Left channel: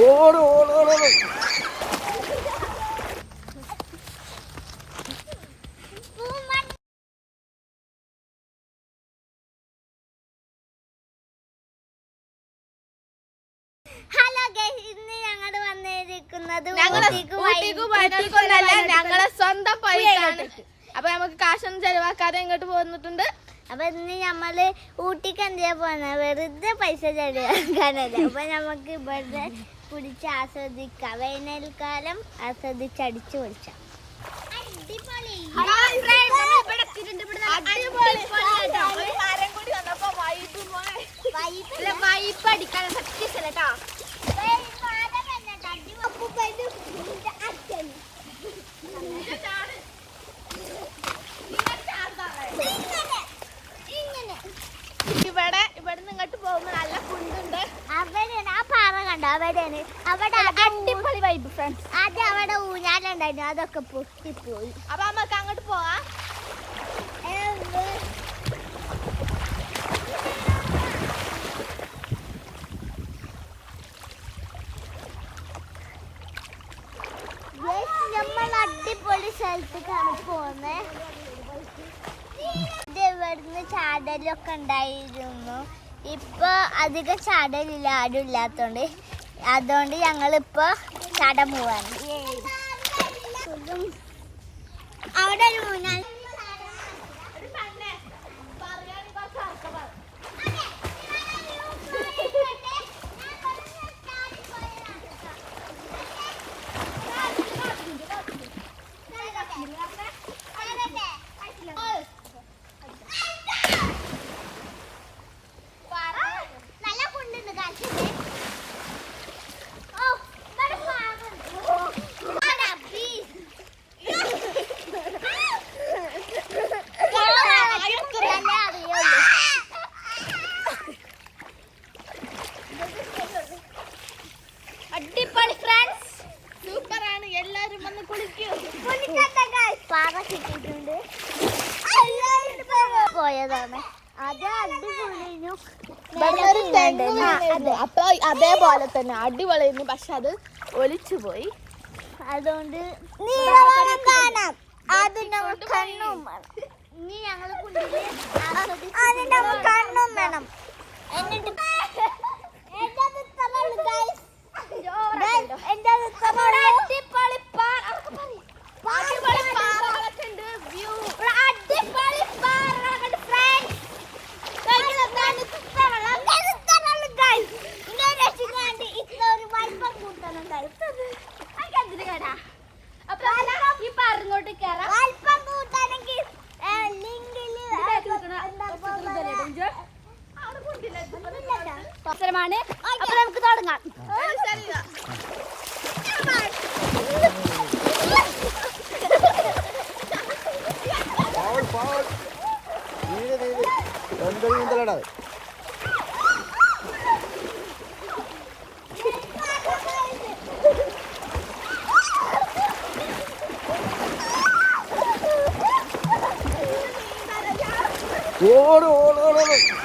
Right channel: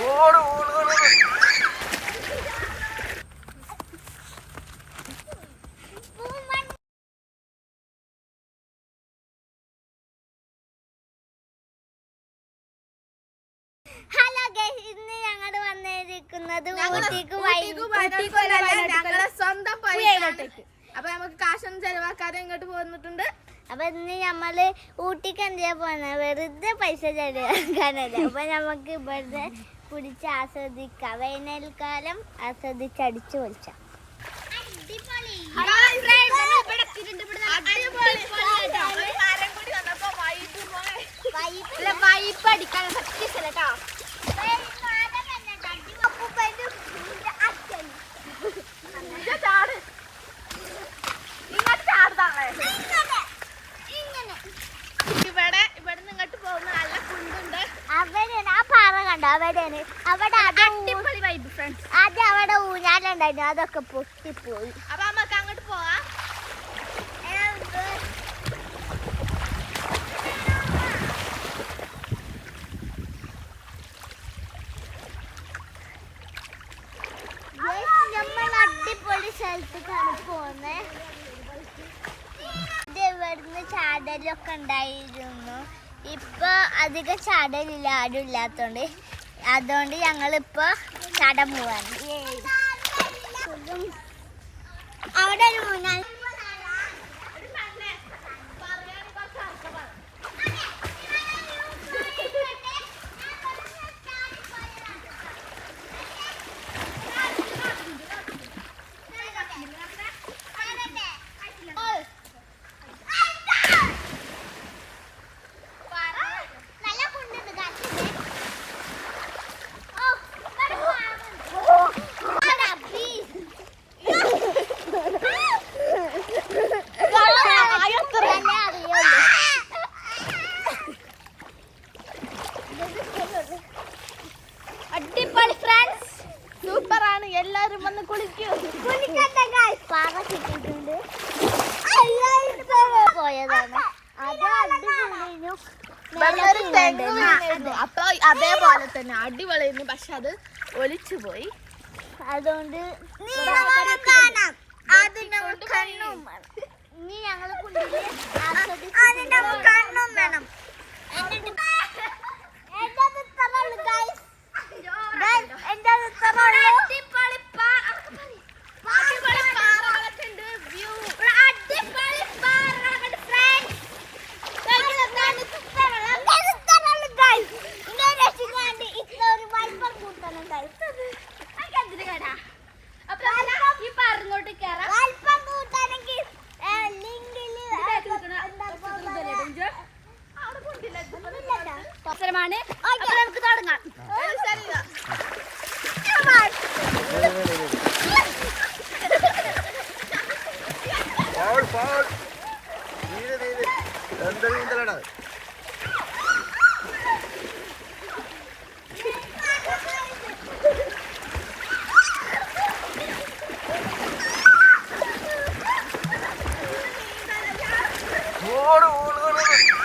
ഓട് ഓട് ഞങ്ങൾ സ്വന്തം അപ്പൊ നമുക്ക് കാശൊന്നും ചെലവാക്കാതെ ഇങ്ങോട്ട് പോന്നിട്ടുണ്ട്. അപ്പൊ ഇന്ന് നമ്മൾ ഊട്ടിക്ക് എന്തിനാ പോന്നെ? വെറുതെ പൈസ ചെലവാക്കാനല്ല? അപ്പൊ നമുക്ക് ഇവിടെ കുടിച്ച് ആസ്വദിക്കാം. വേനൽക്കാലം ആസ്വദിച്ചടിച്ചു പൊളിച്ചാം. വൈപ്പ് അവിടെയാണ് അവിടെ അടിപൊളി വൈബ് ഫ്രണ്ട്സ് അത് അവിടെ ഊഞ്ഞാലുണ്ടായിരുന്നു. അതൊക്കെ പൊട്ടിപ്പോയി അപ്പൊ നമുക്ക് അങ്ങോട്ട് പോവാം. നമ്മൾ അടിപൊളി സ്ഥലത്തേക്കാണ് പോകുന്നത് ഇത് ഇവിടുന്ന് ചാടലൊക്കെ ഉണ്ടായിരുന്നു. ഇപ്പൊ അധികം ചാടലില്ല ആരും ഇല്ലാത്തോണ്ട്. അതുകൊണ്ട് ഞങ്ങളിപ്പോ ചാടാൻ പോവാണ്. അവിടെ ഒരു മൂന്നാൽ എല്ലാരും വന്ന് കുളിക്കൂ. പാറ കിട്ടിയിട്ടുണ്ട് പോയതാണ്. അത് അടിപൊളിയും അപ്പൊ അതേപോലെ തന്നെ അടിപൊളിയായിരുന്നു പക്ഷെ അത് ഒലിച്ചു പോയി. അതുകൊണ്ട് നീ കണ്ണും ഞങ്ങൾ കണ്ണും വേണം. എന്നിട്ട് അവസരമാണ്. അപ്പൊ നമുക്ക് തുടങ്ങാം. Foul no, no, no, no.